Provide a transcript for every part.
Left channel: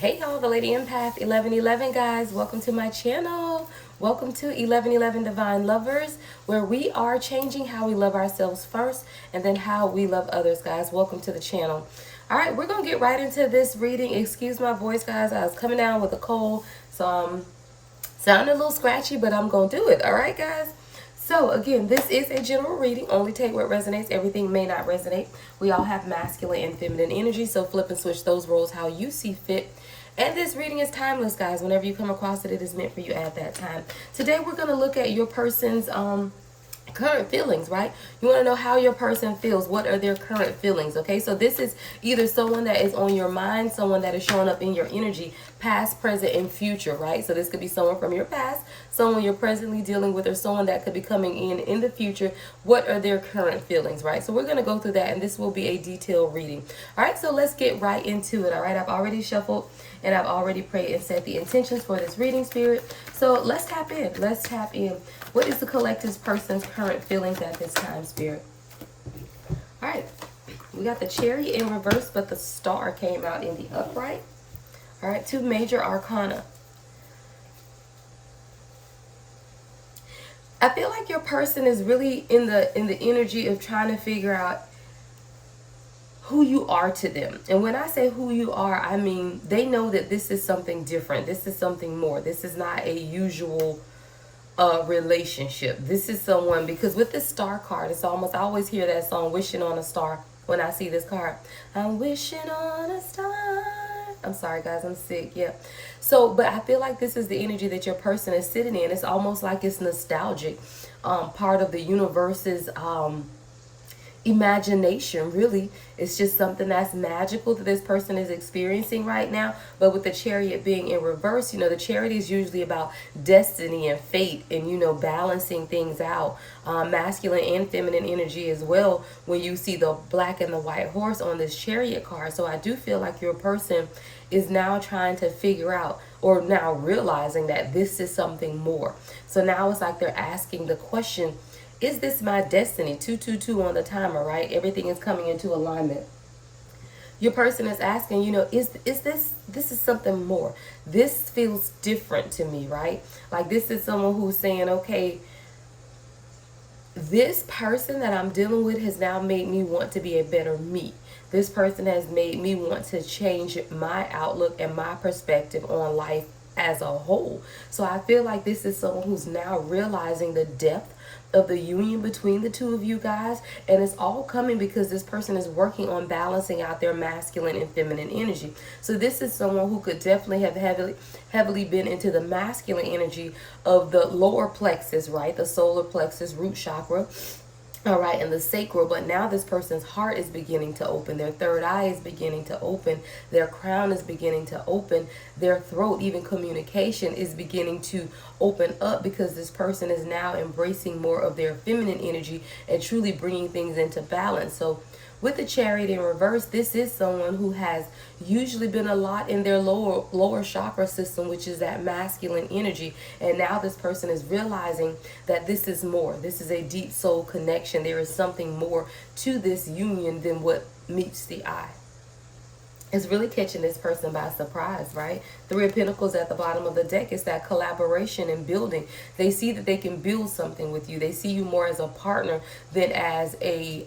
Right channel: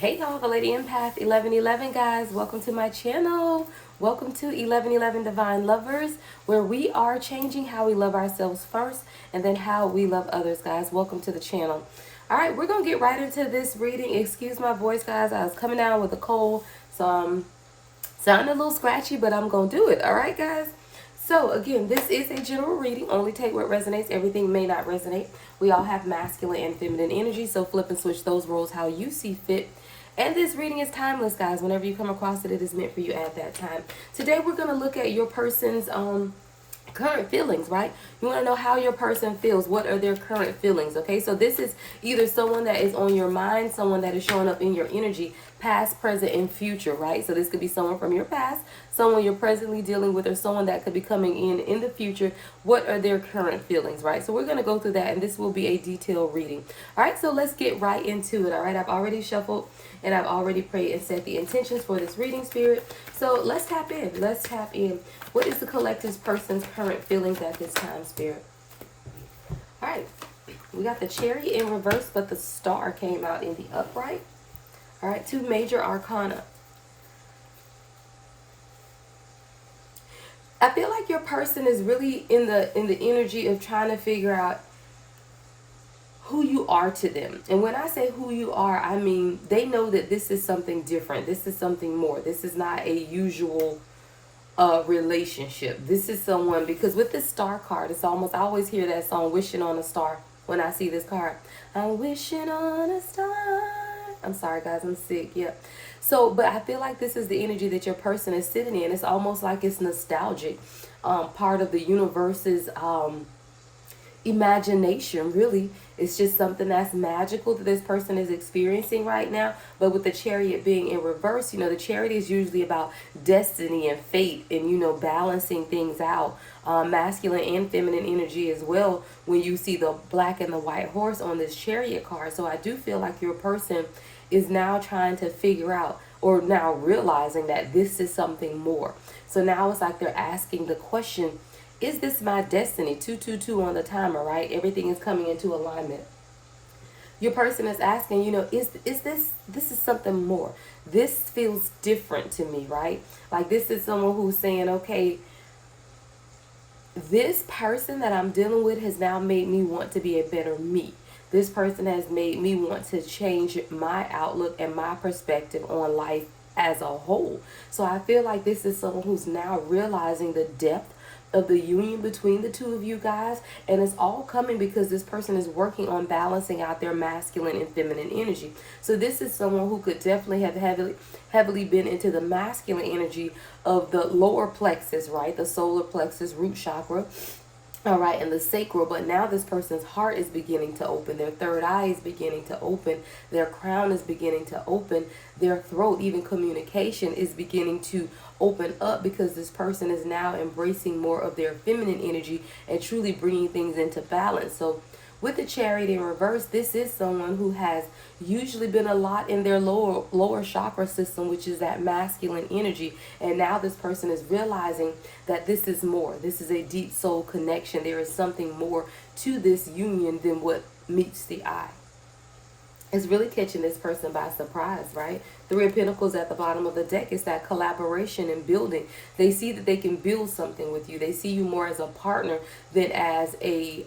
Hey y'all, the Lady Empath 1111 guys. Welcome to my channel. Welcome to 1111 Divine Lovers, where we are changing how we love ourselves first and then how we love others, guys. Welcome to the channel. All right, we're going to get right into this reading. Excuse my voice, guys. I was coming down with a cold, so I'm sounding a little scratchy, but I'm going to do it. All right, guys? So again, this is a general reading. Only take what resonates. Everything may not resonate. We all have masculine and feminine energy, so flip and switch those roles how you see fit. And this reading is timeless, guys. Whenever you come across it, it is meant for you at that time. Today, we're going to look at your person's current feelings, right? You want to know how your person feels. What are their current feelings? Okay, so this is either someone that is on your mind, someone that is showing up in your energy, past, present, and future, right? So this could be someone from your past, someone you're presently dealing with, or someone that could be coming in the future. What are their current feelings, right? So we're going to go through that, and this will be a detailed reading. All right, so let's get right into it. All right, I've already shuffled and I've already prayed and set the intentions for this reading, spirit. So let's tap in. Let's tap in. What is the collective person's current feelings at this time, spirit? All right, we got the Chariot in reverse, but the Star came out in the upright. All right, two major arcana. I feel like your person is really in the energy of trying to figure out who you are to them. And when I say who you are, I mean they know that this is something different. This is something more. This is not a usual relationship. This is someone, because with this Star card, it's almost, I always hear that song, Wishing on a Star, when I see this card. I'm wishing on a star. I'm sorry, guys, I'm sick. Yeah. So, but I feel like this is the energy that your person is sitting in. It's almost like it's nostalgic. Part of the universe's imagination, really. It's just something that's magical that this person is experiencing right now. But with the Chariot being in reverse, you know, the Chariot is usually about destiny and fate and, you know, balancing things out. Masculine and feminine energy as well when you see the black and the white horse on this Chariot card. So I do feel like your person is now trying to figure out, or now realizing that this is something more. So now it's like they're asking the question, is this my destiny? 222 on the timer, right? Everything is coming into alignment. Your person is asking, you know, is this is something more. This feels different to me, right? Like this is someone who's saying, okay, this person that I'm dealing with has now made me want to be a better me. This person has made me want to change my outlook and my perspective on life as a whole. So I feel like this is someone who's now realizing the depth of the union between the two of you guys, and it's all coming because this person is working on balancing out their masculine and feminine energy. So this is someone who could definitely have heavily been into the masculine energy of the lower plexus, right? The solar plexus, root chakra. All right, and the sacral, but now this person's heart is beginning to open, their third eye is beginning to open, their crown is beginning to open, their throat, even communication is beginning to open up, because this person is now embracing more of their feminine energy and truly bringing things into balance. So with the Chariot in reverse, this is someone who has usually been a lot in their lower chakra system, which is that masculine energy. And now this person is realizing that this is more. This is a deep soul connection. There is something more to this union than what meets the eye. It's really catching this person by surprise, right? Three of Pentacles at the bottom of the deck is that collaboration and building. They see that they can build something with you. They see you more as a partner than as a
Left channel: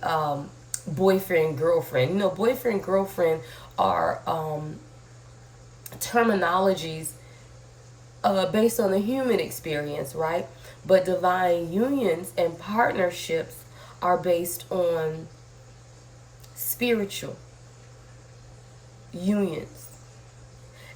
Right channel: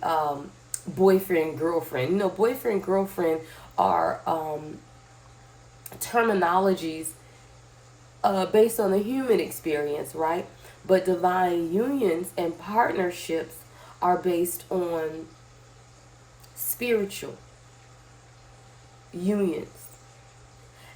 boyfriend, girlfriend. You know, boyfriend, girlfriend are terminologies based on the human experience, right? But divine unions and partnerships are based on spiritual unions.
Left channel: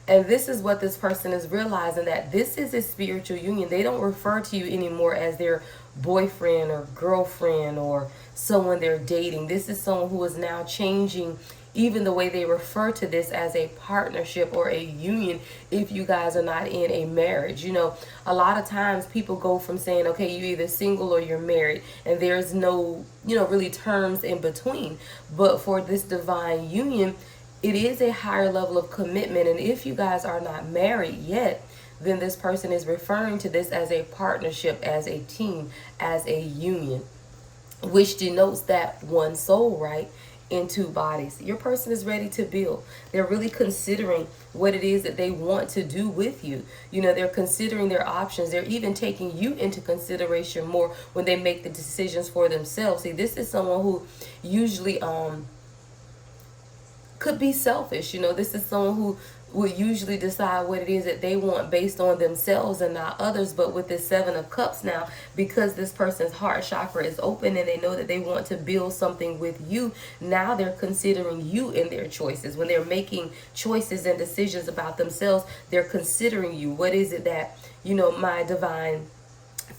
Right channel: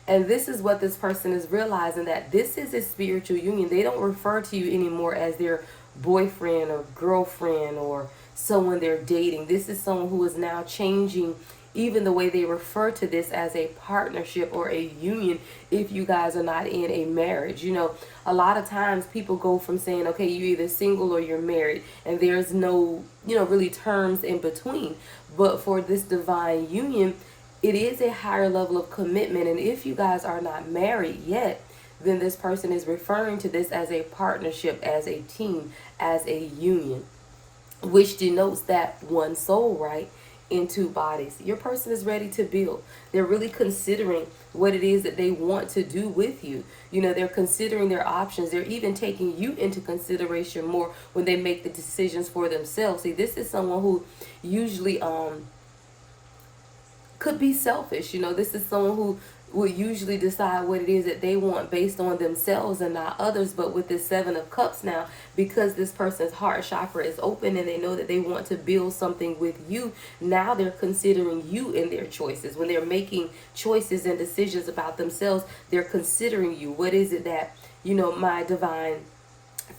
And this is what this person is realizing, that this is a spiritual union. They don't refer to you anymore as their boyfriend or girlfriend or someone they're dating. This is someone who is now changing even the way they refer to this as a partnership or a union if you guys are not in a marriage. You know, a lot of times people go from saying, okay, you're either single or you're married, and there's no, you know, really terms in between. But for this divine union, it is a higher level of commitment. And if you guys are not married yet, then this person is referring to this as a partnership, as a team, as a union, which denotes that one soul, right, in two bodies. Your person is ready to build. They're really considering what it is that they want to do with you. You know, they're considering their options. They're even taking you into consideration more when they make the decisions for themselves. See, this is someone who usually could be selfish. You know, this is someone who will usually decide what it is that they want based on themselves and not others. But with this Seven of Cups now, because this person's heart chakra is open and they know that they want to build something with you, now they're considering you in their choices. When they're making choices and decisions about themselves, they're considering you. What is it that, you know, my divine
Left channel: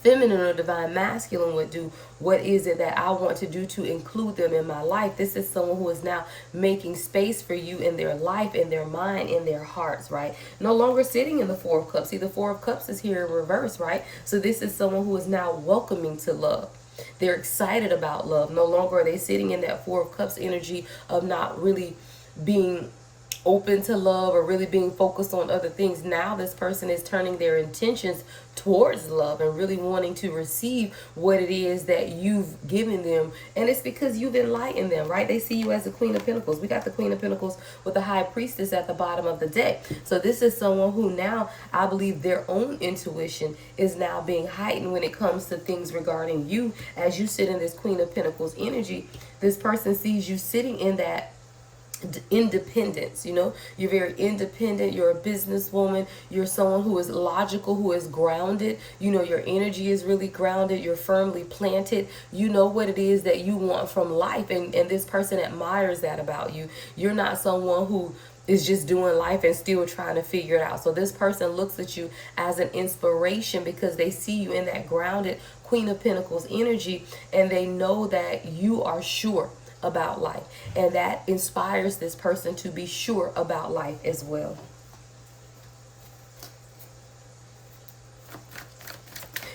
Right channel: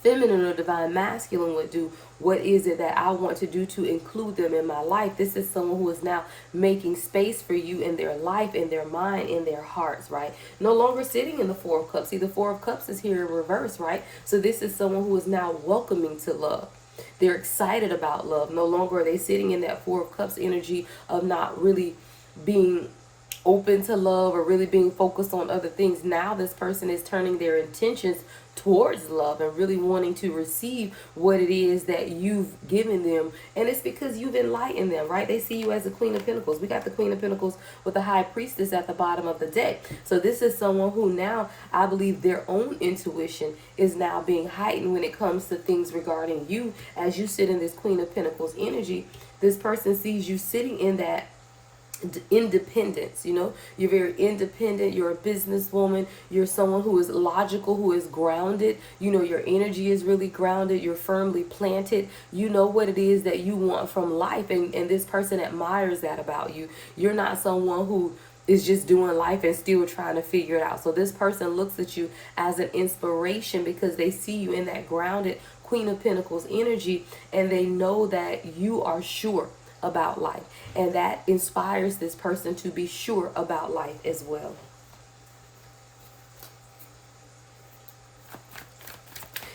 feminine or divine masculine would do? What is it that I want to do to include them in my life? This is someone who is now making space for you in their life, in their mind, in their hearts, right? No longer sitting in the Four of Cups. See, the Four of Cups is here in reverse, right? So this is someone who is now welcoming to love. They're excited about love. No longer are they sitting in that Four of Cups energy of not really being open to love or really being focused on other things. Now this person is turning their intentions towards love and really wanting to receive what it is that you've given them. And it's because you've enlightened them, right? They see you as the Queen of Pentacles. We got the Queen of Pentacles with the High Priestess at the bottom of the deck. So this is someone who now, I believe their own intuition is now being heightened when it comes to things regarding you. As you sit in this Queen of Pentacles energy, this person sees you sitting in that independence. You know, you're very independent. You're a businesswoman. You're someone who is logical, who is grounded. You know, your energy is really grounded. You're firmly planted. You know what it is that you want from life, and this person admires that about you. You're not someone who is just doing life and still trying to figure it out. So this person looks at you as an inspiration because they see you in that grounded Queen of Pentacles energy, and they know that you are sure about life, and that inspires this person to be sure about life as well.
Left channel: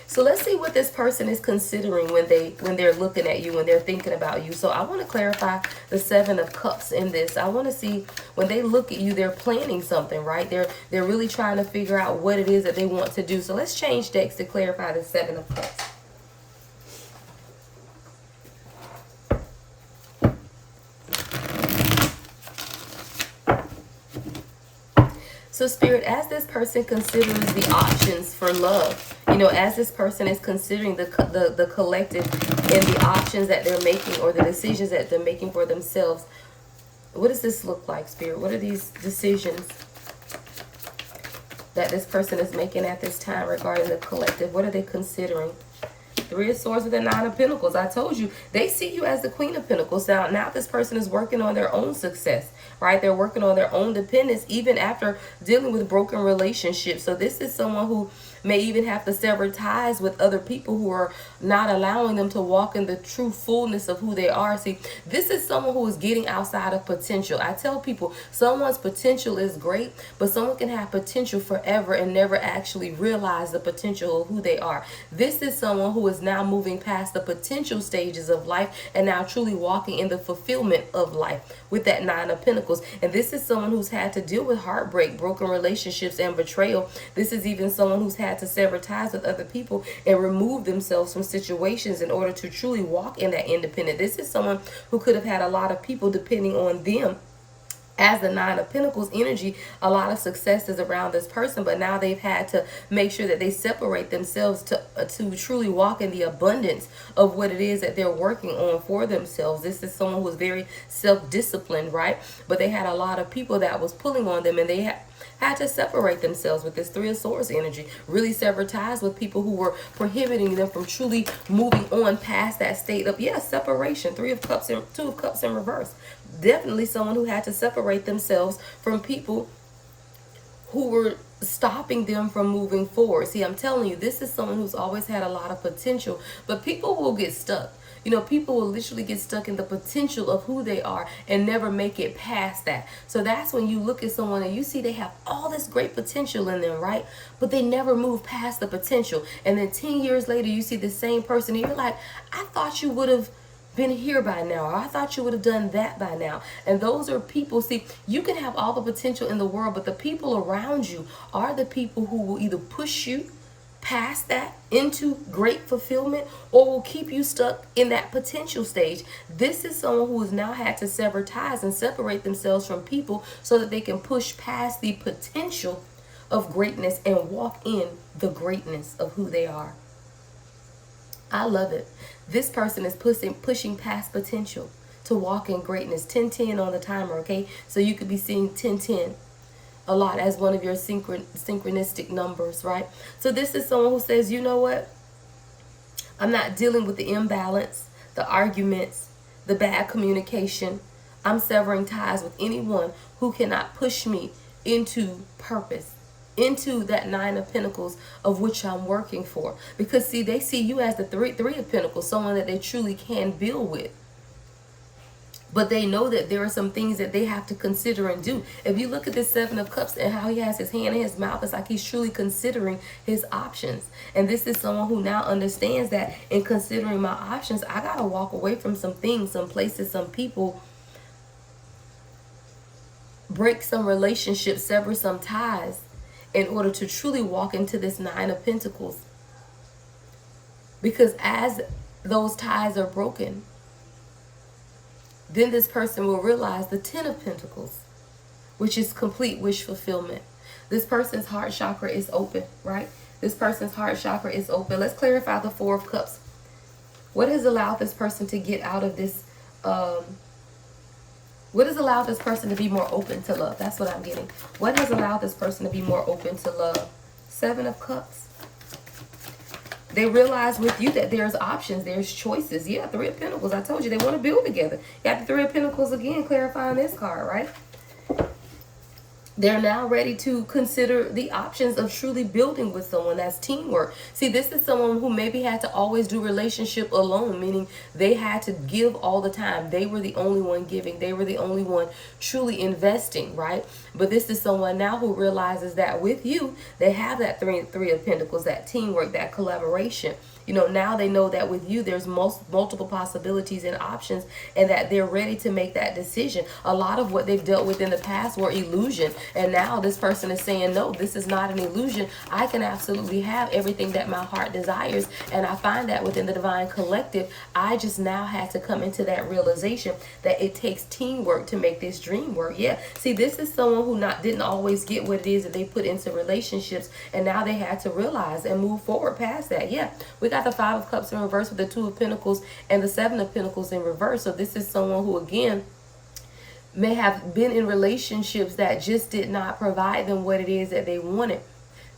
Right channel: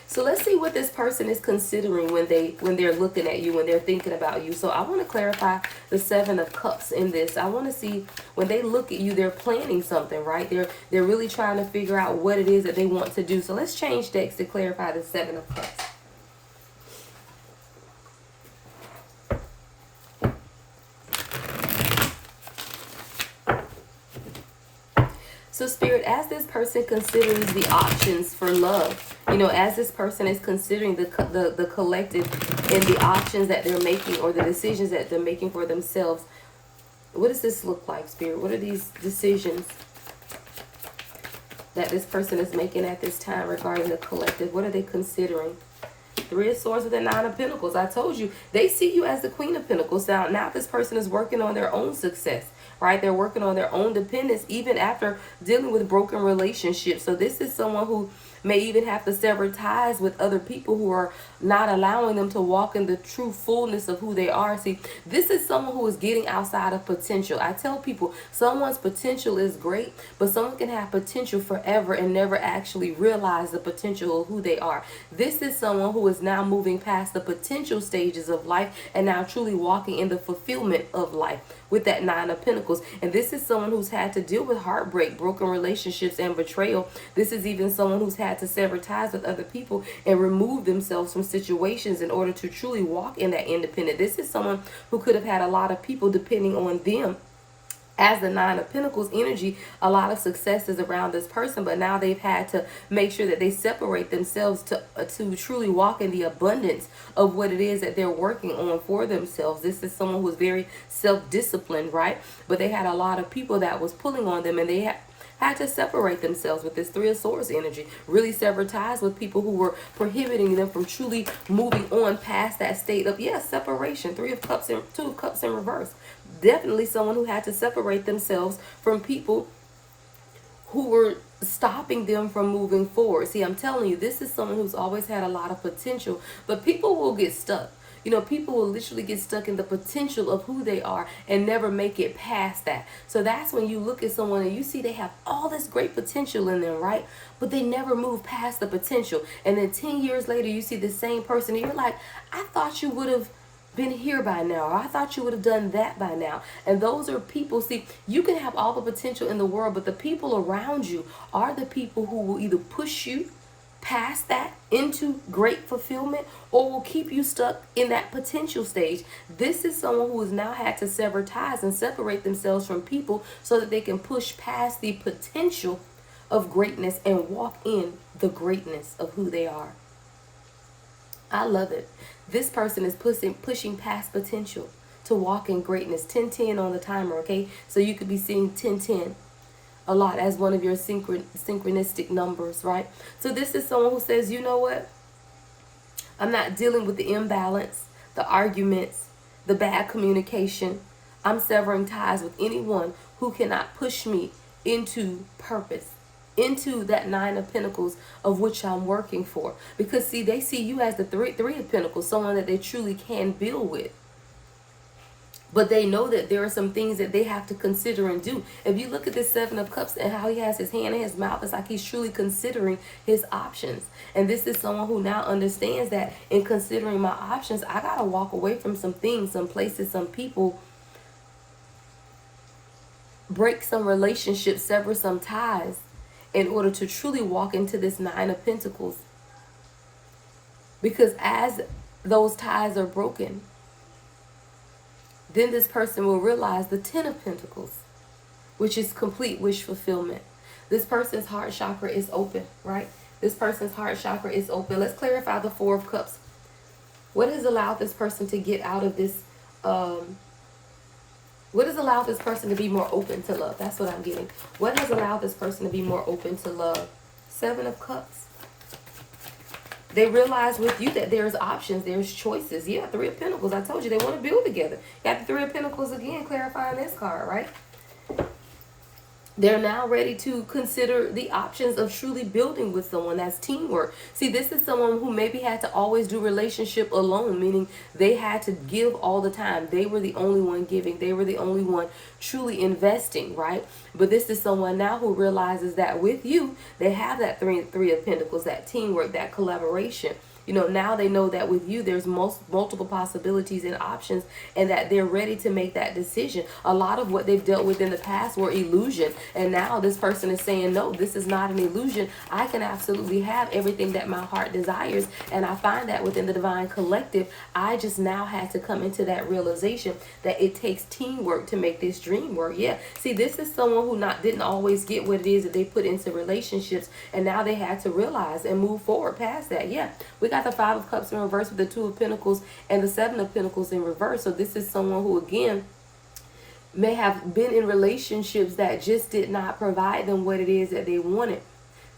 So let's see what this person is considering when they're looking at you, when they're thinking about you. So I want to clarify the Seven of Cups in this. I want to see when they look at you, they're planning something, right? They're really trying to figure out what it is that they want to do. So let's change decks to clarify the Seven of Cups. So Spirit, as this person considers the options for love, you know, as this person is considering the collective and the options that they're making or the decisions that they're making for themselves, what does this look like, Spirit? What are these decisions that this person is making at this time regarding the collective? What are they considering? Three of Swords with the Nine of Pentacles. I told you, they see you as the Queen of Pentacles. Now this person is working on their own success, right? They're working on their own dependence, even after dealing with broken relationships. So this is someone who may even have to sever ties with other people who are not allowing them to walk in the true fullness of who they are. See, this is someone who is getting outside of potential. I tell people someone's potential is great, but someone can have potential forever and never actually realize the potential of who they are. This is someone who is now moving past the potential stages of life and now truly walking in the fulfillment of life with that Nine of Pentacles. And this is someone who's had to deal with heartbreak, broken relationships, and betrayal. This is even someone who's had to sever ties with other people and remove themselves from situations in order to truly walk in that independence. This is someone who could have had a lot of people depending on them. As the Nine of Pentacles energy, a lot of success is around this person, but now they've had to make sure that they separate themselves to truly walk in the abundance of what it is that they're working on for themselves. This is someone who's very self-disciplined, right? But they had a lot of people that was pulling on them, and they had to separate themselves with this Three of Swords energy, really sever ties with people who were prohibiting them from truly moving on past that state of, separation. Two of Cups in reverse. Definitely someone who had to separate themselves from people who were stopping them from moving forward. See, I'm telling you, this is someone who's always had a lot of potential, but people will get stuck. You know, people will literally get stuck in the potential of who they are and never make it past that. So that's when you look at someone and you see they have all this great potential in them, right? But they never move past the potential. And then 10 years later, you see the same person and you're like, I thought you would have been here by now, or I thought you would have done that by now. And those are people, see, you can have all the potential in the world, but the people around you are the people who will either push you past that into great fulfillment, or will keep you stuck in that potential stage. This is someone who has now had to sever ties and separate themselves from people so that they can push past the potential of greatness and walk in the greatness of who they are. I love it. This person is pushing past potential to walk in greatness. 1010 on the timer, okay? So you could be seeing 1010 a lot as one of your synchronistic numbers, right? So this is someone who says, you know what? I'm not dealing with the imbalance, the arguments, the bad communication. I'm severing ties with anyone who cannot push me into purpose, into that 9 of Pentacles of which I'm working for. Because see, they see you as the three of Pentacles, someone that they truly can build with. But they know that there are some things that they have to consider and do. If you look at this 7 of Cups and how he has his hand in his mouth, it's like he's truly considering his options. And this is someone who now understands that in considering my options, I got to walk away from some things, some places, some people, break some relationships, sever some ties in order to truly walk into this 9 of Pentacles. Because as those ties are broken, then this person will realize the 10 of Pentacles, which is complete wish fulfillment. This person's heart chakra is open, right? This person's heart chakra is open. Let's clarify the 4 of Cups. What has allowed this person to get out of this? What has allowed this person to be more open to love? That's what I'm getting. What has allowed this person to be more open to love? 7 of Cups. They realize with you that there's options, there's choices. Yeah, 3 of Pentacles. I told you they want to build together. Got the 3 of Pentacles again, clarifying this card, right? They're now ready to consider the options of truly building with someone. That's teamwork. See, this is someone who maybe had to always do relationship alone, meaning they had to give all the time. They were the only one giving. They were the only one truly investing, right? But this is someone now who realizes that with you, they have that three of Pentacles, that teamwork, that collaboration. You know, now they know that with you, there's multiple possibilities and options, and that they're ready to make that decision. A lot of what they've dealt with in the past were illusion. And now this person is saying, no, this is not an illusion. I can absolutely have everything that my heart desires. And I find that within the Divine Collective, I just now had to come into that realization that it takes teamwork to make this dream work. Yeah. See, this is someone who didn't always get what it is that they put into relationships. And now they had to realize and move forward past that. Yeah. We got the 5 of Cups in reverse with the 2 of Pentacles and the 7 of Pentacles in reverse. So this is someone who, again, may have been in relationships that just did not provide them what it is that they wanted.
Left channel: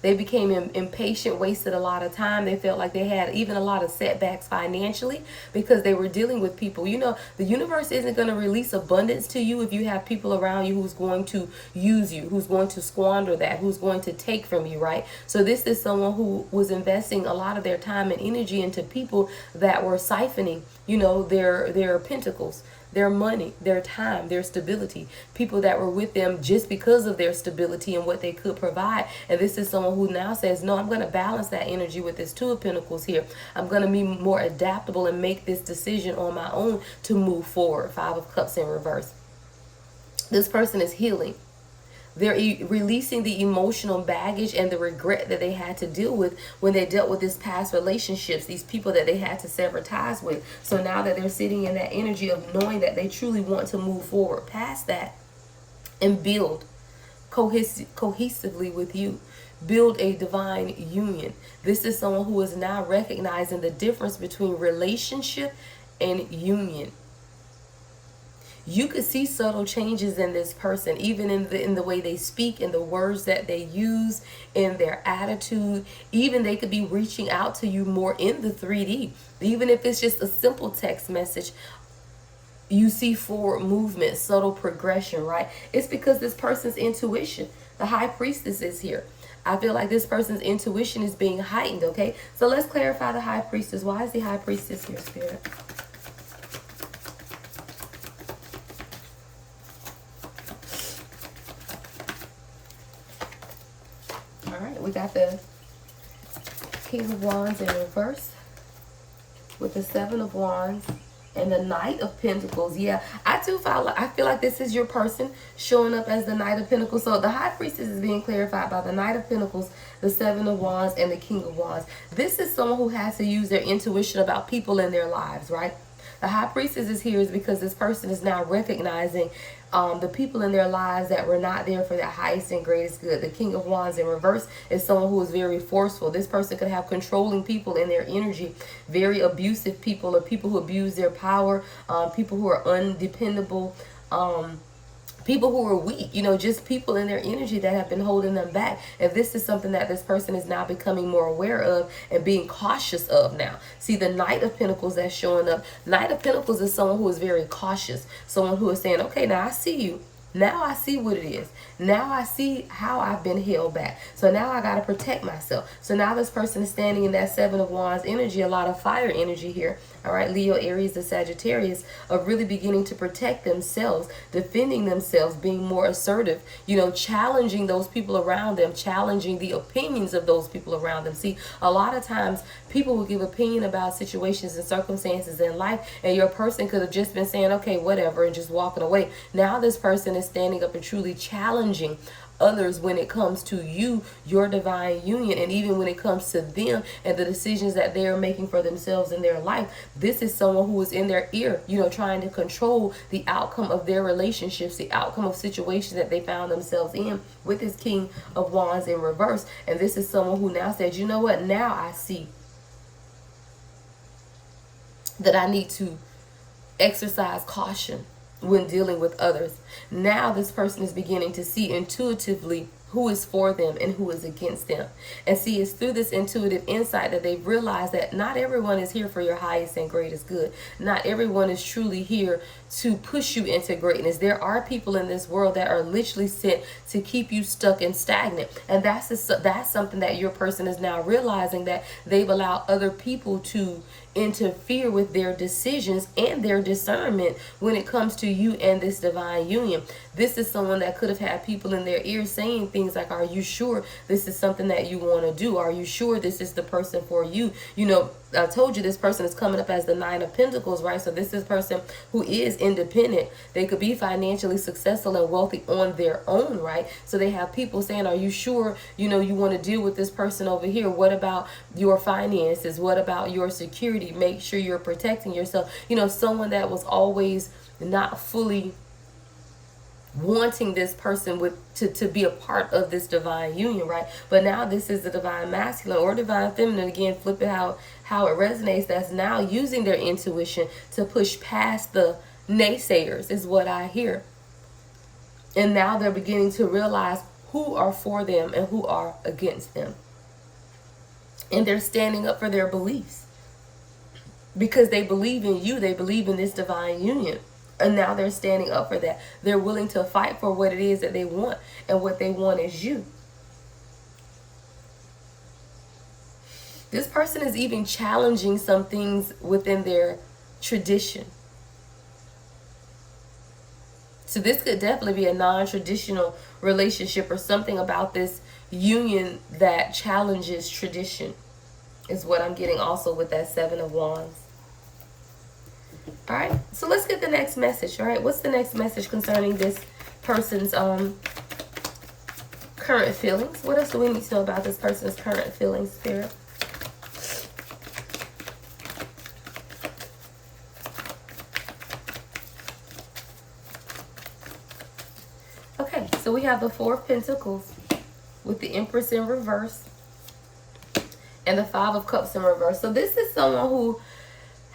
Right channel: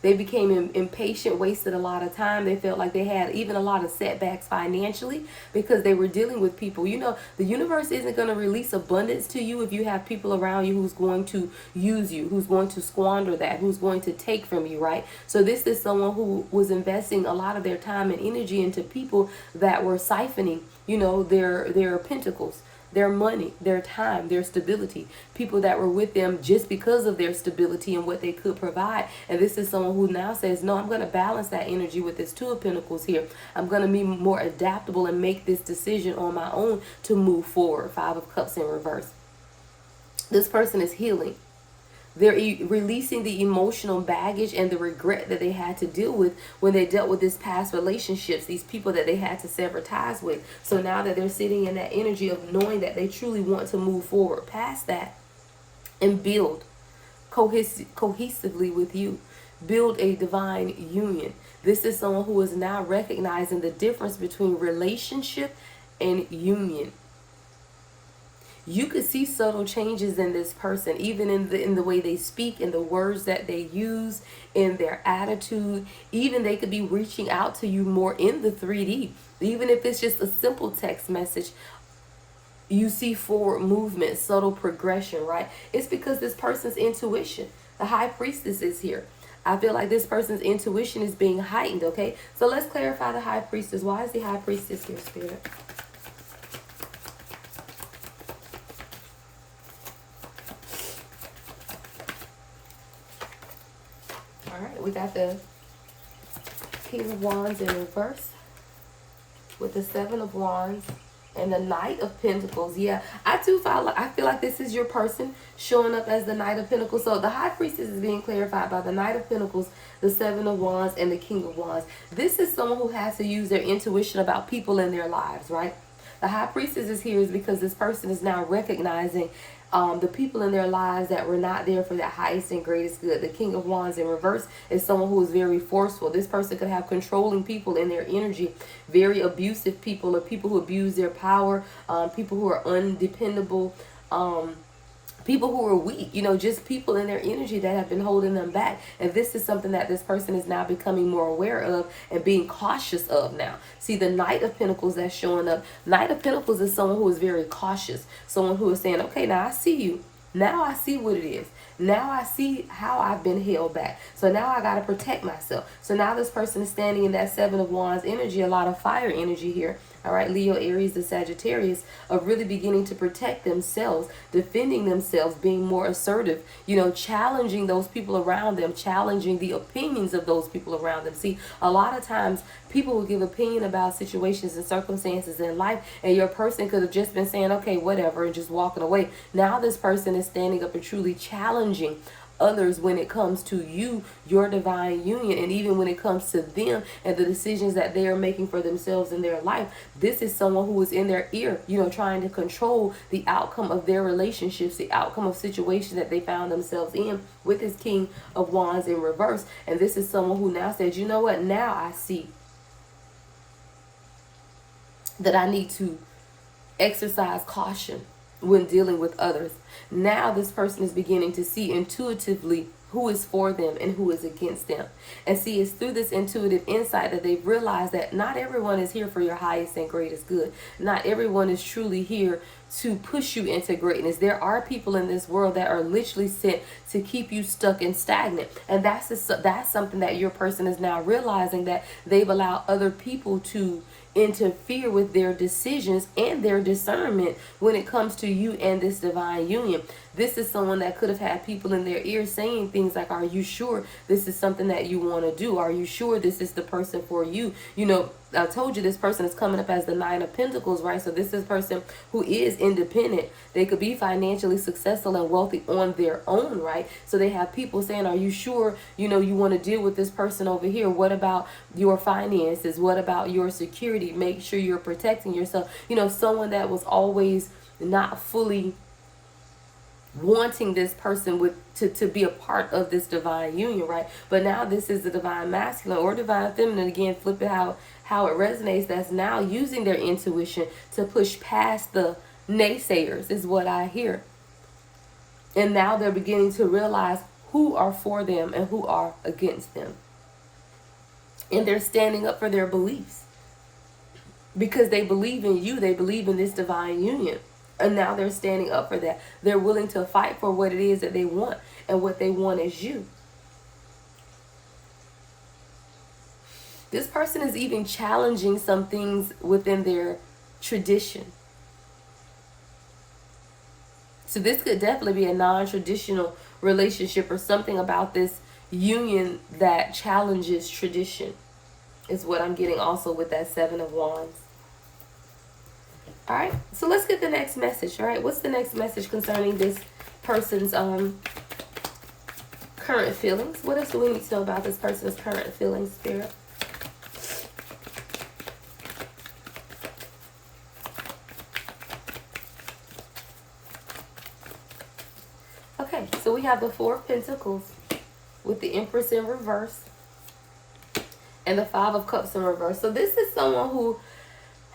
They became impatient, wasted a lot of time. They felt like they had even a lot of setbacks financially because they were dealing with people. You know, the universe isn't going to release abundance to you if you have people around you who's going to use you, who's going to squander that, who's going to take from you, right? So this is someone who was investing a lot of their time and energy into people that were siphoning, you know, their pentacles, their money, their time, their stability, people that were with them just because of their stability and what they could provide. And this is someone who now says, no, I'm going to balance that energy with this 2 of Pentacles here. I'm going to be more adaptable and make this decision on my own to move forward. 5 of Cups in reverse. This person is healing. They're releasing the emotional baggage and the regret that they had to deal with when they dealt with this past relationships, these people that they had to sever ties with. So now that they're sitting in that energy of knowing that they truly want to move forward past that and build cohesively with you, build a divine union. This is someone who is now recognizing the difference between relationship and union. You could see subtle changes in this person, even in the way they speak, in the words that they use, in their attitude. Even they could be reaching out to you more in the 3D. Even if it's just a simple text message, you see forward movement, subtle progression, right? It's because this person's intuition, the High Priestess, is here. I feel like this person's intuition is being heightened, okay? So let's clarify the High Priestess. Why is the High Priestess here, Spirit? We got the King of Wands in reverse with the 7 of Wands And the Knight of Pentacles. Yeah, I feel like this is your person showing up as the Knight of Pentacles. So the High Priestess is being clarified by the Knight of Pentacles, the Seven of Wands, and the King of Wands. This is someone who has to use their intuition about people in their lives, right? The High Priestess is here is because this person is now recognizing the people in their lives that were not there for their highest and greatest good. The King of Wands in reverse is someone who is very forceful. This person could have controlling people in their energy, very abusive people, or people who abuse their power, people who are undependable, people who are weak, just people in their energy that have been holding them back. And this is something that this person is now becoming more aware of and being cautious of now. See, the Knight of Pentacles that's showing up. Knight of Pentacles is someone who is very cautious. Someone who is saying, okay, now I see you. Now I see what it is. Now I see how I've been held back. So now I got to protect myself. So now this person is standing in that Seven of Wands energy, a lot of fire energy here. All right, Leo, Aries, and Sagittarius, of really beginning to protect themselves, defending themselves, being more assertive, challenging those people around them, challenging the opinions of those people around them. See, a lot of times people will give opinion about situations and circumstances in life, and your person could have just been saying, okay, whatever, and just walking away. Now this person is standing up and truly challenging others when it comes to you, your divine union, and even when it comes to them and the decisions that they are making for themselves in their life. This is someone who is in their ear, trying to control the outcome of their relationships, the outcome of situations that they found themselves in with this King of Wands in reverse. And this is someone who now said, you know what, now I see that I need to exercise caution when dealing with others. Now this person is beginning to see intuitively who is for them and who is against them. And see, it's through this intuitive insight that they've realized that not everyone is here for your highest and greatest good. Not everyone is truly here to push you into greatness. There are people in this world that are literally sent to keep you stuck and stagnant. And that's something that your person is now realizing, that they've allowed other people to interfere with their decisions and their discernment when it comes to you and this divine union. This is someone that could have had people in their ears saying things like, are you sure this is something that you want to do? Are you sure this is the person for you? I told you this person is coming up as the Nine of Pentacles, right? So this is a person who is independent. They could be financially successful and wealthy on their own, right? So they have people saying, are you sure, you want to deal with this person over here? What about your finances? What about your security? Make sure you're protecting yourself. Someone that was always not fully wanting this person to be a part of this divine union, right? But now this is the divine masculine or divine feminine. Again, flip it how it resonates. That's now using their intuition to push past the naysayers, is what I hear. And now they're beginning to realize who are for them and who are against them. And they're standing up for their beliefs because they believe in you. They believe in this divine union. And now they're standing up for that. They're willing to fight for what it is that they want. And what they want is you. This person is even challenging some things within their tradition. So this could definitely be a non-traditional relationship or something about this union that challenges tradition, is what I'm getting also with that Seven of Wands. All right, so let's get the next message. All right, what's the next message concerning this person's current feelings? What else do we need to know about this person's current feelings, Spirit? Okay, so we have the Four of Pentacles with the Empress in reverse and the Five of Cups in reverse. So this is someone who,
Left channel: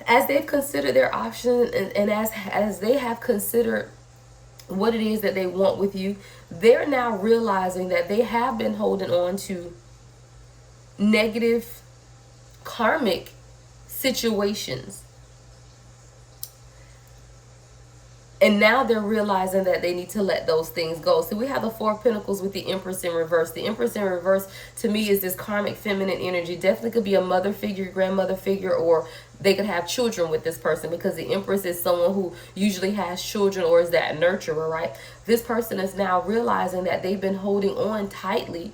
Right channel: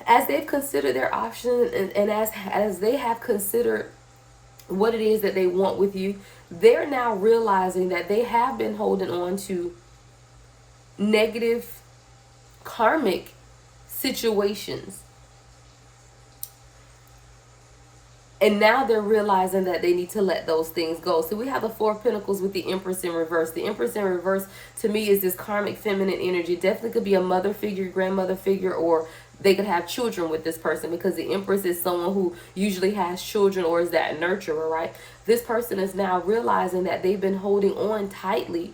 as they've considered their options and as they have considered what it is that they want with you, they're now realizing that they have been holding on to negative karmic situations. And now they're realizing that they need to let those things go. So we have the Four of Pentacles with the Empress in reverse. The Empress in reverse, to me, is this karmic feminine energy. Definitely could be a mother figure, grandmother figure, or they could have children with this person, because the Empress is someone who usually has children or is that nurturer, right? This person is now realizing that they've been holding on tightly,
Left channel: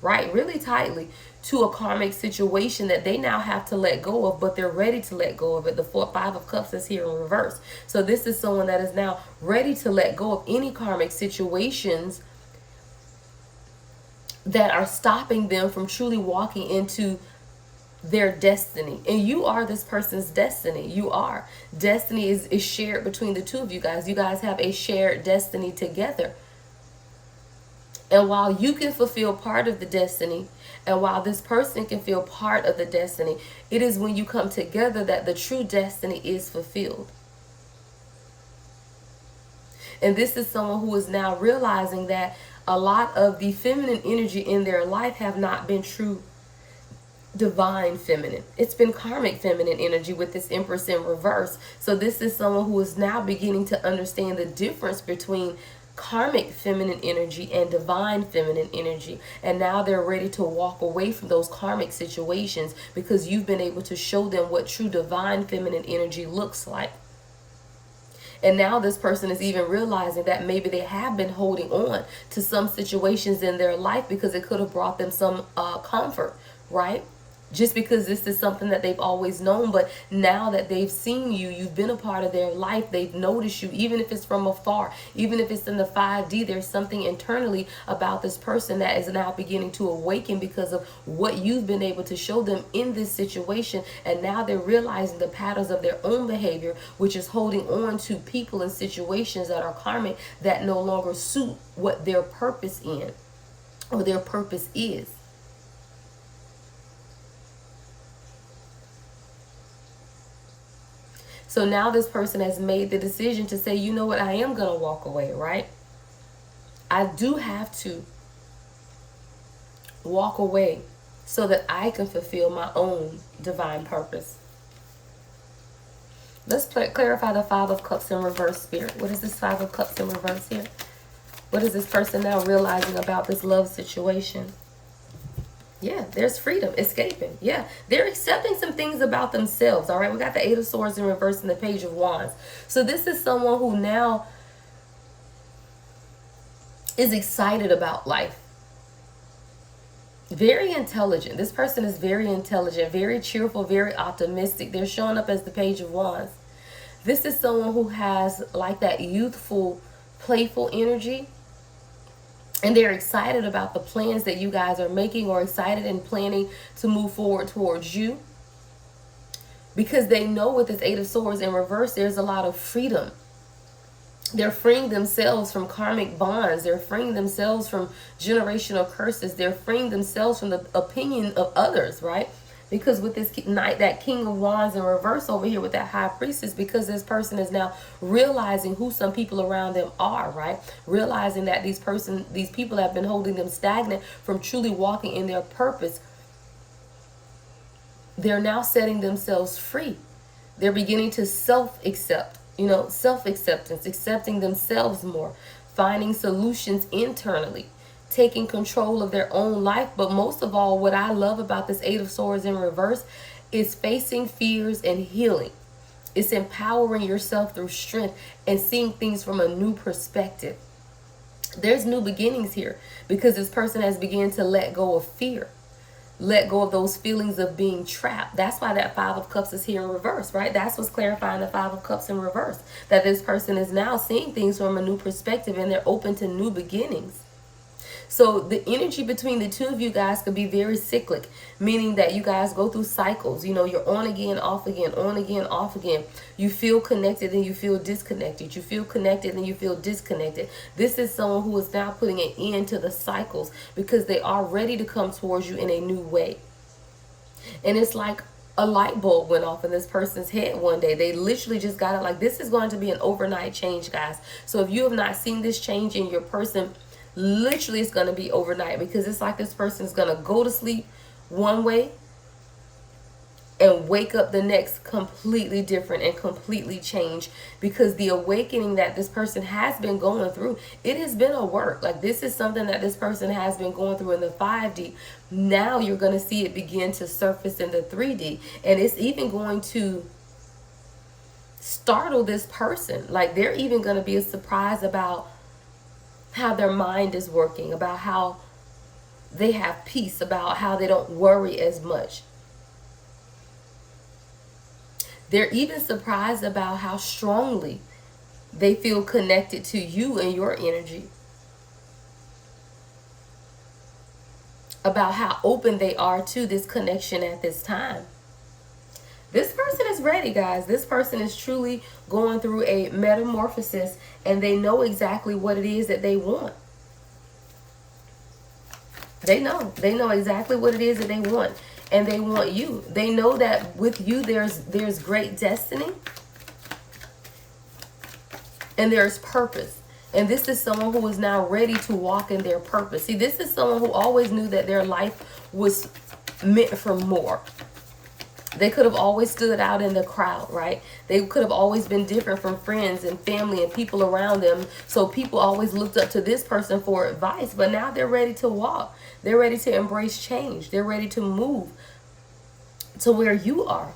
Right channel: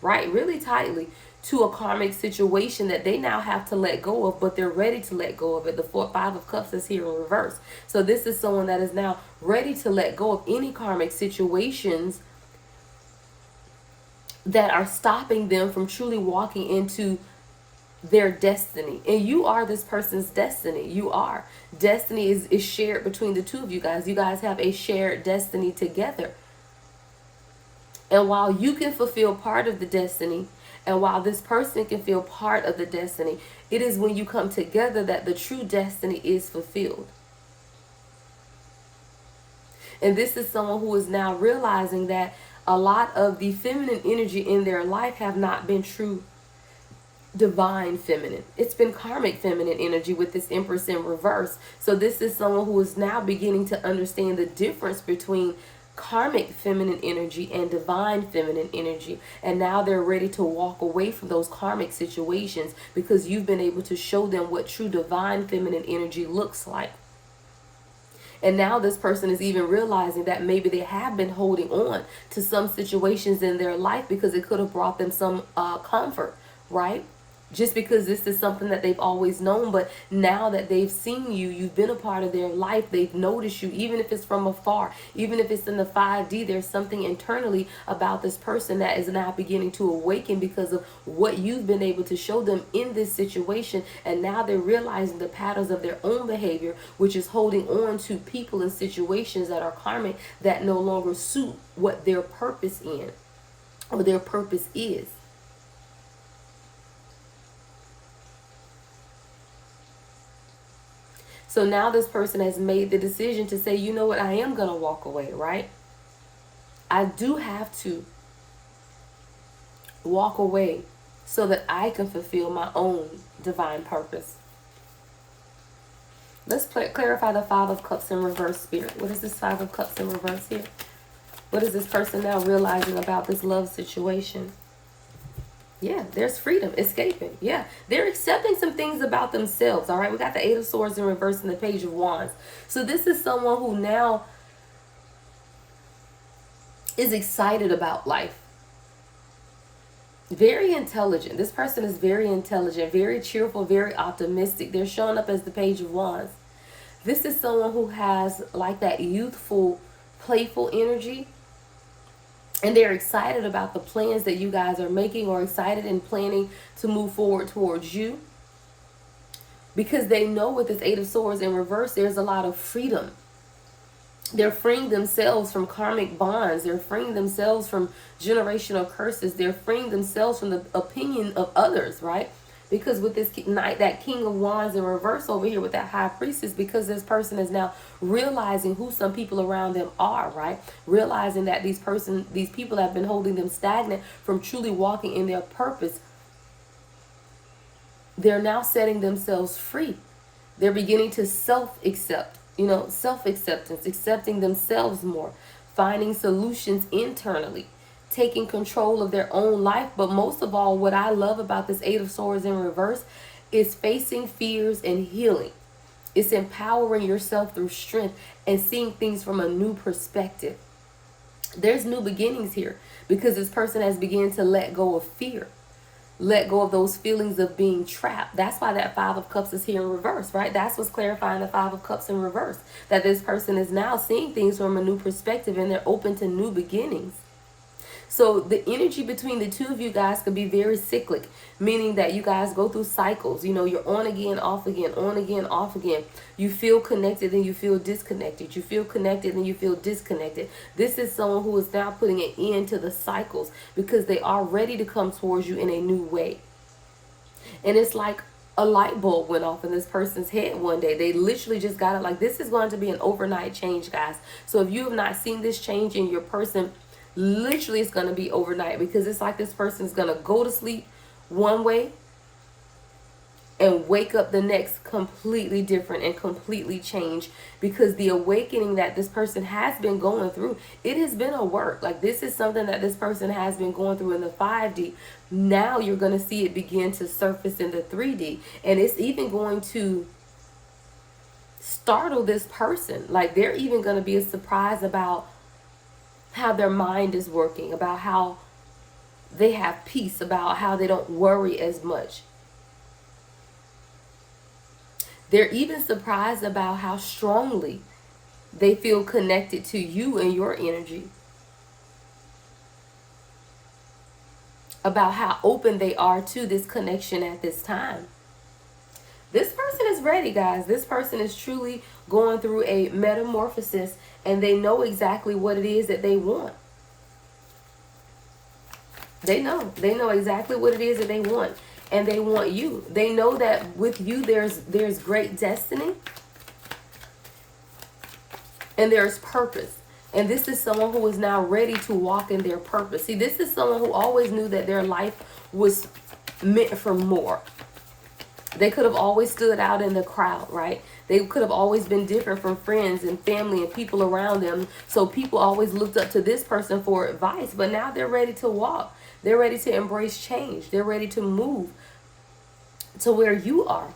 right? Really tightly to a karmic situation that they now have to let go of, but they're ready to let go of it. The Five of Cups is here in reverse. So this is someone that is now ready to let go of any karmic situations that are stopping them from truly walking into their destiny. And you are this person's destiny. You are. Destiny is shared between the two of you guys. You guys have a shared destiny together. And while you can fulfill part of the destiny, and while this person can feel part of the destiny, it is when you come together that the true destiny is fulfilled. And this is someone who is now realizing that a lot of the feminine energy in their life have not been true divine feminine. It's been karmic feminine energy with this Empress in reverse. So this is someone who is now beginning to understand the difference between karmic feminine energy and divine feminine energy, and now they're ready to walk away from those karmic situations because you've been able to show them what true divine feminine energy looks like. And now this person is even realizing that maybe they have been holding on to some situations in their life because it could have brought them some comfort, right? Just because this is something that they've always known, but now that they've seen you, you've been a part of their life, they've noticed you, even if it's from afar, even if it's in the 5D, there's something internally about this person that is now beginning to awaken because of what you've been able to show them in this situation. And now they're realizing the patterns of their own behavior, which is holding on to people and situations that are karmic that no longer suit what their purpose in or their purpose is. So now this person has made the decision to say, you know what, I am going to walk away, right? I do have to walk away so that I can fulfill my own divine purpose. Let's clarify the Five of Cups in reverse, Spirit. What is this Five of Cups in reverse here? What is this person now realizing about this love situation? Yeah, there's freedom, escaping. Yeah, they're accepting some things about themselves, all right? We got the Eight of Swords in reverse and the Page of Wands. So this is someone who now is excited about life. Very intelligent. This person is very intelligent, very cheerful, very optimistic. They're showing up as the Page of Wands. This is someone who has like that youthful, playful energy. And they're excited about the plans that you guys are making, or excited and planning to move forward towards you. Because they know with this Eight of Swords in reverse, there's a lot of freedom. They're freeing themselves from karmic bonds. They're freeing themselves from generational curses. They're freeing themselves from the opinion of others, right? Because with this knight, that King of Wands in reverse over here with that High Priestess, because this person is now realizing who some people around them are, right? Realizing that these people have been holding them stagnant from truly walking in their purpose. They're now setting themselves free. They're beginning to self-accept, self-acceptance, accepting themselves more, finding solutions internally, taking control of their own life. But most of all, what I love about this Eight of Swords in reverse is facing fears and healing. It's empowering yourself through strength and seeing things from a new perspective. There's new beginnings here because this person has begun to let go of fear. Let go of those feelings of being trapped. That's why that Five of Cups is here in reverse, right? That's what's clarifying the Five of Cups in reverse. That this person is now seeing things from a new perspective and they're open to new beginnings. So the energy between the two of you guys could be very cyclic, meaning that you guys go through cycles. You're on again, off again, on again, off again. You feel connected and you feel disconnected. You feel connected and you feel disconnected. This is someone who is now putting an end to the cycles because they are ready to come towards you in a new way. And it's like a light bulb went off in this person's head one day. They literally just got it. Like, this is going to be an overnight change, guys. So if you have not seen this change in your person, literally it's going to be overnight, because it's like this person's going to go to sleep one way and wake up the next completely different and completely changed, because the awakening that this person has been going through, it has been a work. Like, this is something that this person has been going through in the 5D. Now you're going to see it begin to surface in the 3D, and it's even going to startle this person. Like, they're even going to be surprised about how their mind is working, about how they have peace, about how they don't worry as much. They're even surprised about how strongly they feel connected to you and your energy, about how open they are to this connection at this time. This person is ready, guys. This person is truly going through a metamorphosis, and they know exactly what it is that they want. They know exactly what it is that they want, and they want you. They know that with you there's great destiny and there's purpose. And this is someone who is now ready to walk in their purpose. See, this is someone who always knew that their life was meant for more. They could have always stood out in the crowd, right? They could have always been different from friends and family and people around them. So people always looked up to this person for advice. But now they're ready to walk. They're ready to embrace change. They're ready to move to where you are.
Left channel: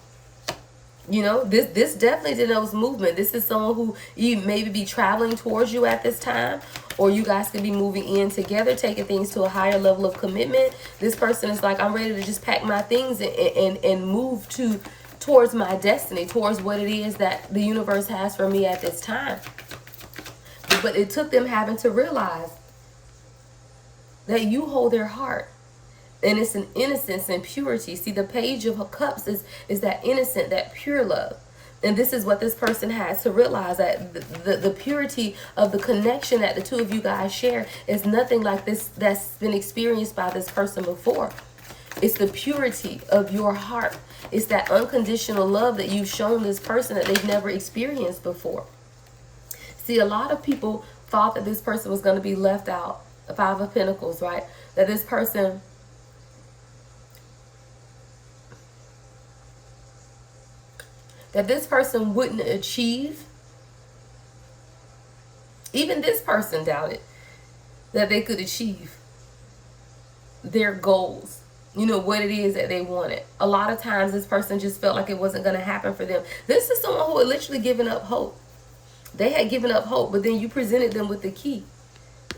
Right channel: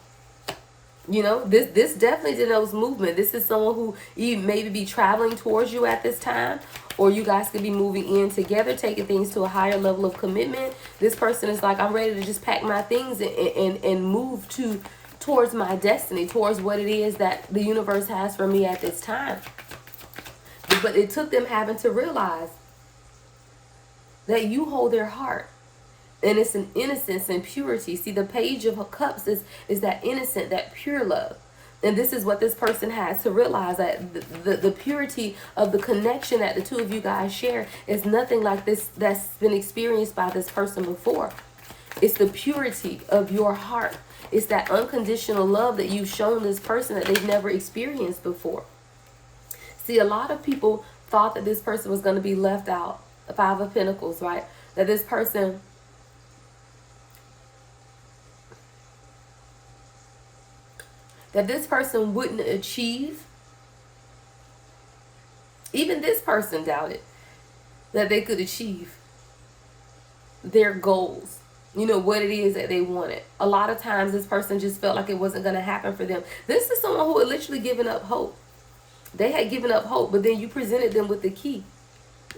You know, this definitely denotes movement. This is someone who you maybe be traveling towards you at this time, or you guys could be moving in together, taking things to a higher level of commitment. This person is like, I'm ready to just pack my things and move towards my destiny, towards what it is that the universe has for me at this time. But it took them having to realize that you hold their heart. And it's an innocence and purity. See, the Page of Cups is that innocent, that pure love. And this is what this person has to realize, that the purity of the connection that the two of you guys share is nothing like this that's been experienced by this person before. It's the purity of your heart. It's that unconditional love that you've shown this person that they've never experienced before. See, a lot of people thought that this person was going to be left out. The Five of Pentacles, right? That this person wouldn't achieve. Even this person doubted that they could achieve their goals. You know, what it is that they wanted. A lot of times this person just felt like it wasn't going to happen for them. This is someone who had literally given up hope. They had given up hope, but then you presented them with the key.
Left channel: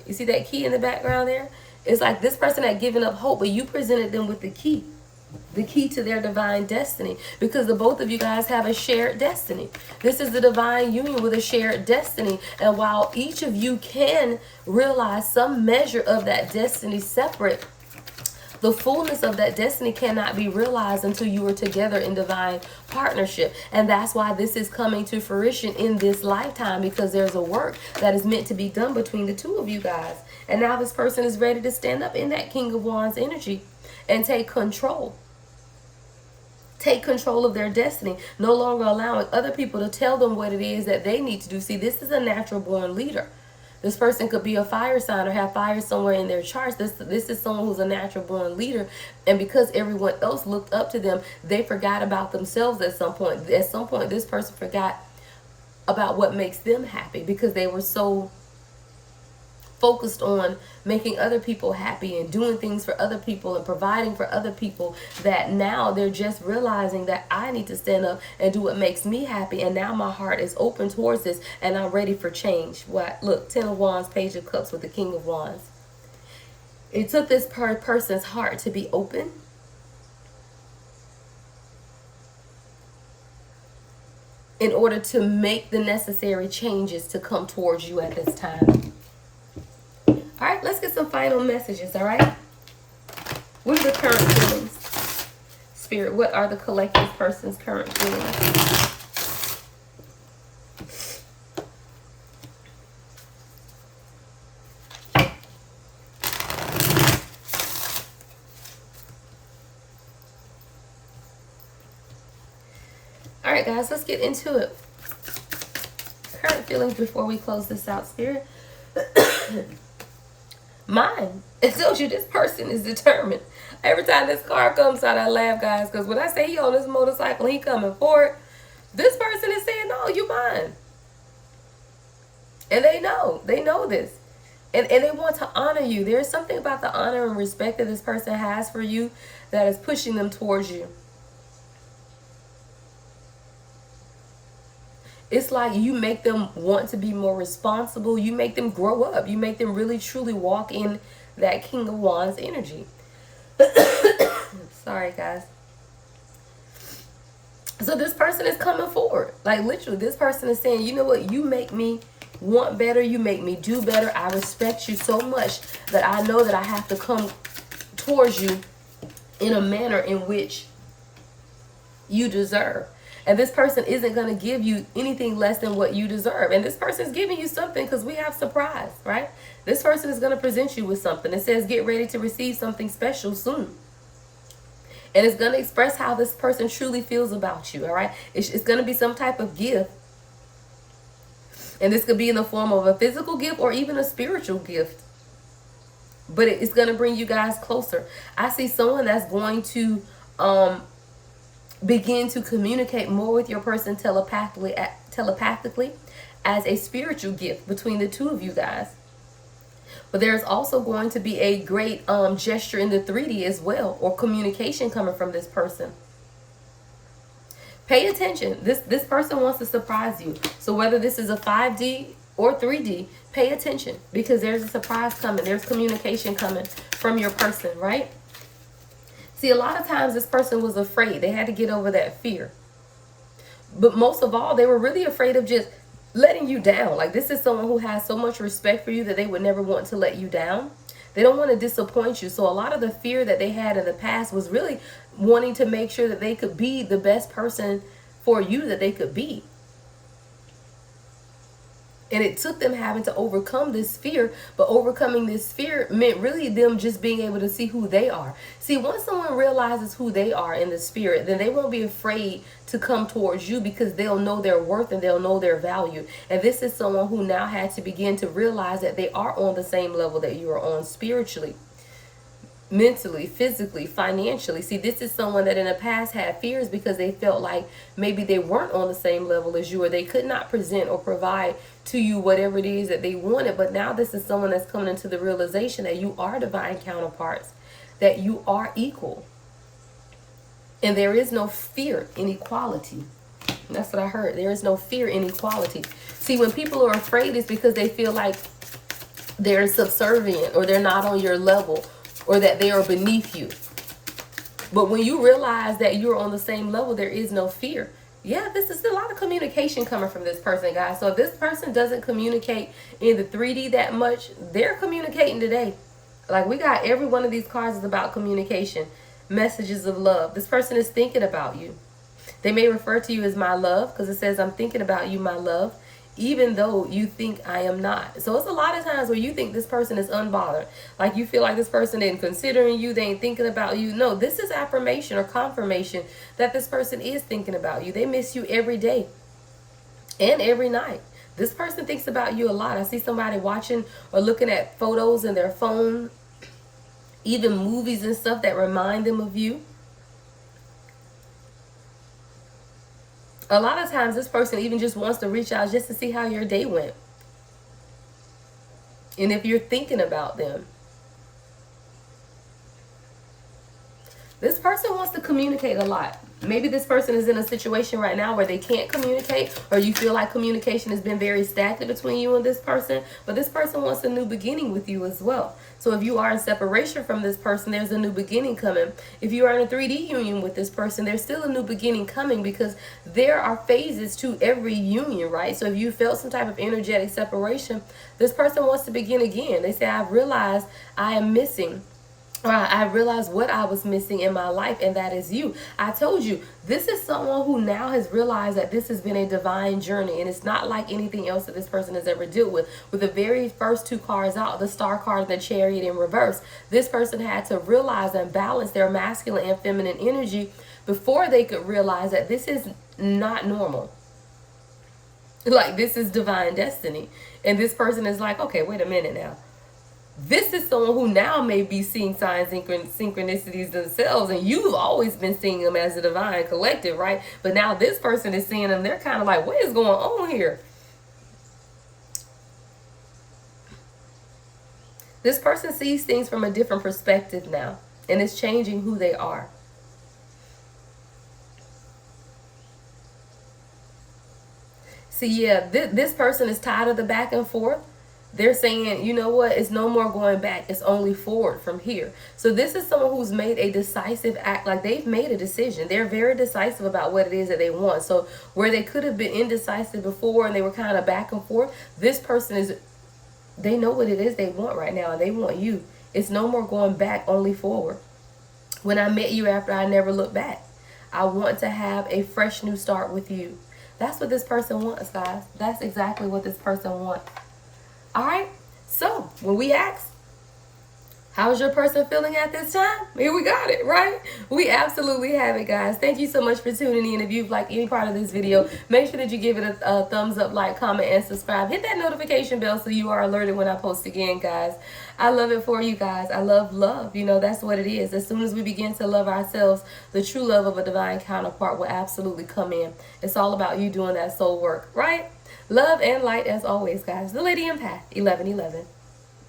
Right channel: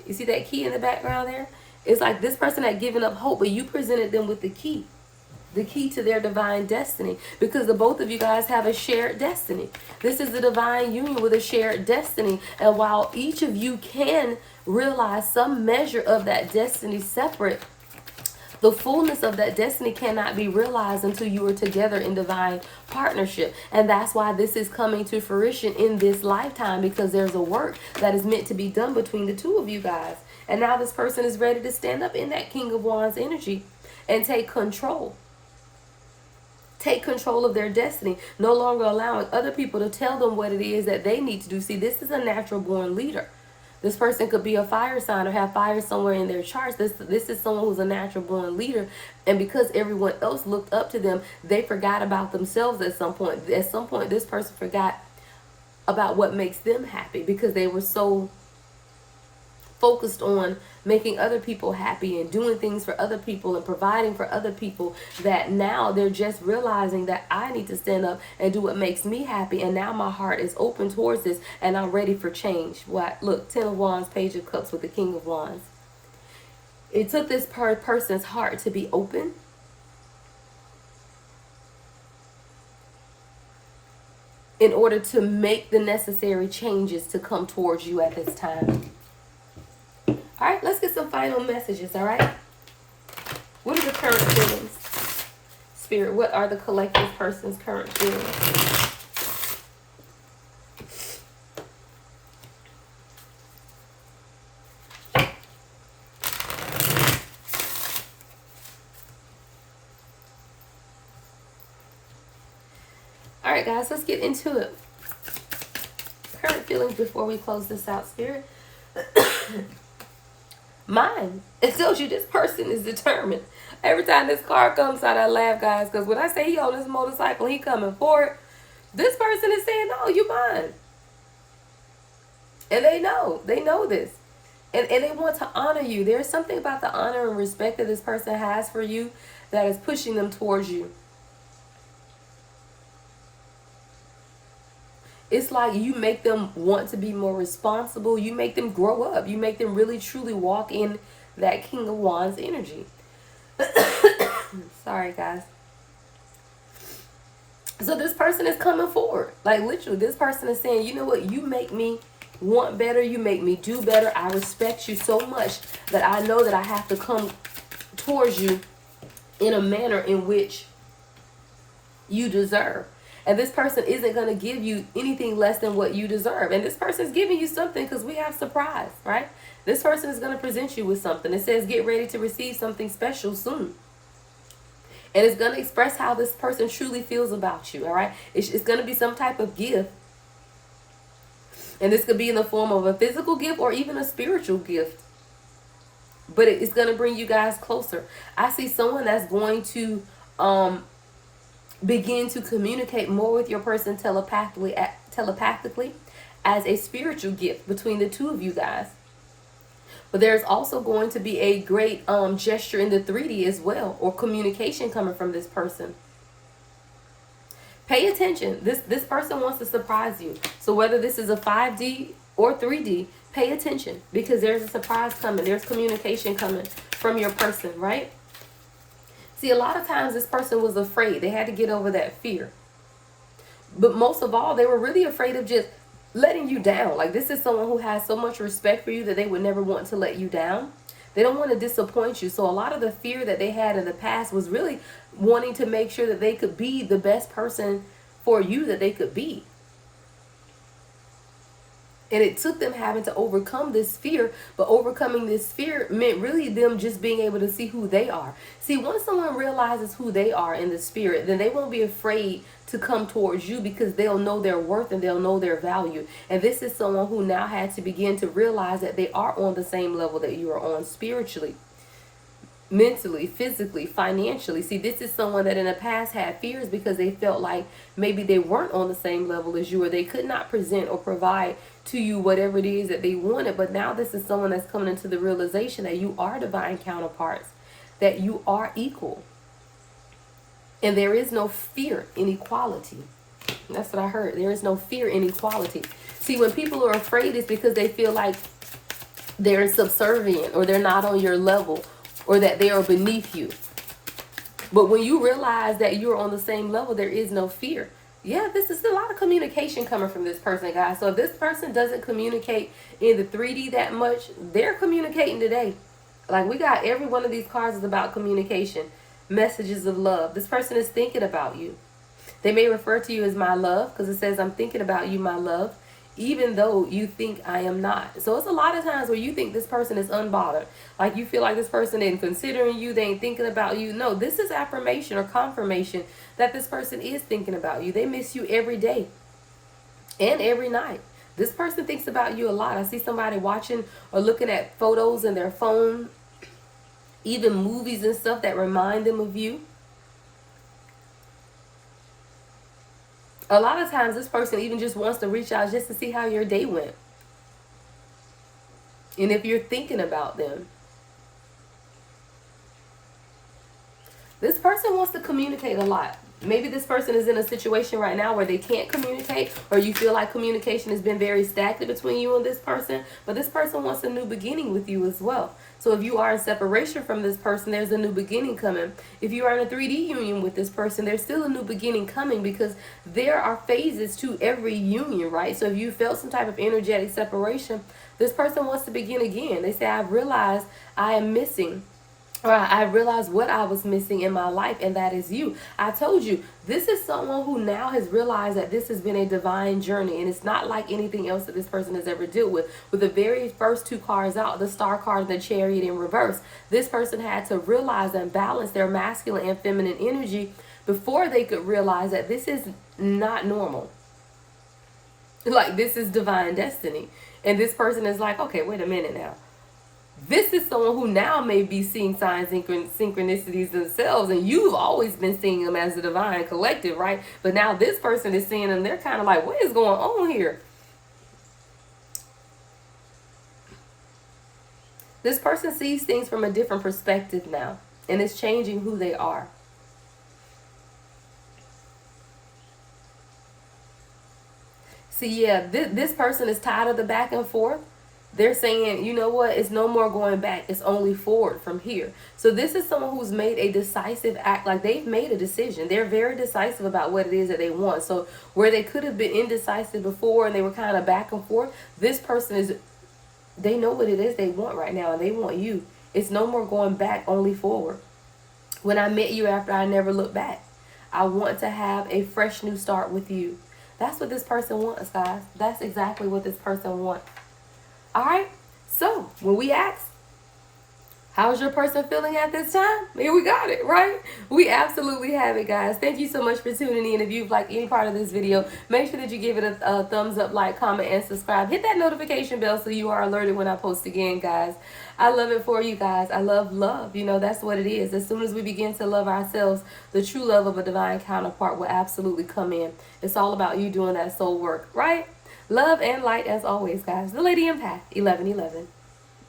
You see that key in the background there? It's like this person had given up hope, but you presented them with the key to their divine destiny, because the both of you guys have a shared destiny. This is the divine union with a shared destiny. And while each of you can realize some measure of that destiny separate, the fullness of that destiny cannot be realized until you are together in divine partnership. And that's why this is coming to fruition in this lifetime, because there's a work that is meant to be done between the two of you guys. And now this person is ready to stand up in that King of Wands energy and take control. Take control of their destiny, no longer allowing other people to tell them what it is that they need to do. See, this is a natural born leader. This person could be a fire sign or have fire somewhere in their charts. This is someone who's a natural born leader. And because everyone else looked up to them, they forgot about themselves at some point. At some point, this person forgot about what makes them happy, because they were so focused on making other people happy and doing things for other people and providing for other people, that now they're just realizing that I need to stand up and do what makes me happy. And now my heart is open towards this, and I'm ready for change. What? Look, Ten of Wands, Page of Cups with the King of Wands. It took this person's heart to be open, in order to make the necessary changes to come towards you at this time. All right, let's get some final messages, all right? What are the current feelings? Spirit, what are the collective person's current feelings? All right, guys, let's get into it. Current feelings before we close this out, Spirit. Mine. It tells you this person is determined. Every time this card comes out, I laugh, guys, because when I say he on this motorcycle, he coming forward, this person is saying, no, you mine. And they know this. And they want to honor you. There's something about the honor and respect that this person has for you that is pushing them towards you. It's like you make them want to be more responsible. You make them grow up. You make them really truly walk in that King of Wands energy. Sorry, guys. So this person is coming forward. Like literally, this person is saying, you know what, you make me want better, you make me do better. I respect you so much that I know that I have to come towards you in a manner in which you deserve. And this person isn't going to give you anything less than what you deserve. And this person is giving you something because we have surprise, right? This person is going to present you with something. It says get ready to receive something special soon. And it's going to express how this person truly feels about you, all right? It's going to be some type of gift. And this could be in the form of a physical gift or even a spiritual gift. But it's going to bring you guys closer. I see someone that's going to begin to communicate more with your person telepathically as a spiritual gift between the two of you guys. But there's also going to be a great gesture in the 3D as well, or communication coming from this person. Pay attention. This person wants to surprise you. So whether this is a 5D or 3D, pay attention because there's a surprise coming. There's communication coming from your person, right? See, a lot of times this person was afraid. They had to get over that fear. But most of all, they were really afraid of just letting you down. Like this is someone who has so much respect for you that they would never want to let you down. They don't want to disappoint you. So a lot of the fear that they had in the past was really wanting to make sure that they could be the best person for you that they could be. And it took them having to overcome this fear, but overcoming this fear meant really them just being able to see who they are. See, once someone realizes who they are in the spirit, then they won't be afraid to come towards you because they'll know their worth and they'll know their value. And this is someone who now had to begin to realize that they are on the same level that you are on spiritually, mentally, physically, financially. See, this is someone that in the past had fears because they felt like maybe they weren't on the same level as you, or they could not present or provide to you whatever it is that they wanted. But now this is someone that's coming into the realization that you are divine counterparts, that you are equal, and there is no fear in equality. That's what I heard. There is no fear in equality. See, when people are afraid, it's because they feel like they're subservient or they're not on your level, or that they are beneath you. But when you realize that you're on the same level, there is no fear. Yeah, this is a lot of communication coming from this person, guys. So if this person doesn't communicate in the 3D that much, they're communicating today. Like we got every one of these cards is about communication, messages of love. This person is thinking about you. They may refer to you as my love because it says I'm thinking about you, my love, even though you think I am not. So it's a lot of times where you think this person is unbothered. Like you feel like this person ain't considering you, they ain't thinking about you. No, this is affirmation or confirmation that this person is thinking about you. They miss you every day and every night. This person thinks about you a lot. I see somebody watching or looking at photos in their phone, even movies and stuff that remind them of you. A lot of times this person even just wants to reach out just to see how your day went. And if you're thinking about them. This person wants to communicate a lot. Maybe this person is in a situation right now where they can't communicate, or you feel like communication has been very stagnant between you and this person. But this person wants a new beginning with you as well. So if you are in separation from this person, there's a new beginning coming. If you are in a 3D union with this person, there's still a new beginning coming because there are phases to every union, right? So if you felt some type of energetic separation, this person wants to begin again. They say, I've realized I am missing, or I realized what I was missing in my life, and that is you. I told you, this is someone who now has realized that this has been a divine journey, and it's not like anything else that this person has ever dealt with. With the very first two cards out, the Star card and the Chariot in reverse, this person had to realize and balance their masculine and feminine energy before they could realize that this is not normal. Like, this is divine destiny. And this person is like, okay, wait a minute now. This is someone who now may be seeing signs and synchronicities themselves, and you've always been seeing them as a divine collective, right? But now this person is seeing them. They're kind of like, what is going on here? This person sees things from a different perspective now, and it's changing who they are. See, yeah, this person is tired of the back and forth. they're saying, you know what, it's no more going back, it's only forward from here. So this is someone who's made a decisive act, like they've made a decision. They're very decisive about what it is that they want. So where they could have been indecisive before and they were kind of back and forth, this person is, they know what it is they want right now, and they want you. It's no more going back, only forward. When I met you after, I never looked back. I want to have a fresh new start with you. That's what this person wants, guys. That's exactly what this person wants. All right. So when we ask, how's your person feeling at this time? Here we got it, right? We absolutely have it, guys. Thank you so much for tuning in. If you've liked any part of this video, make sure that you give it a thumbs up, like, comment, and subscribe. Hit that notification bell so you are alerted when I post again, guys. I love it for you guys. I love love. You know, that's what it is. As soon as we begin to love ourselves, the true love of a divine counterpart will absolutely come in. It's all about you doing that soul work, right? Love and light as always, guys. The Lady Empath, 1111.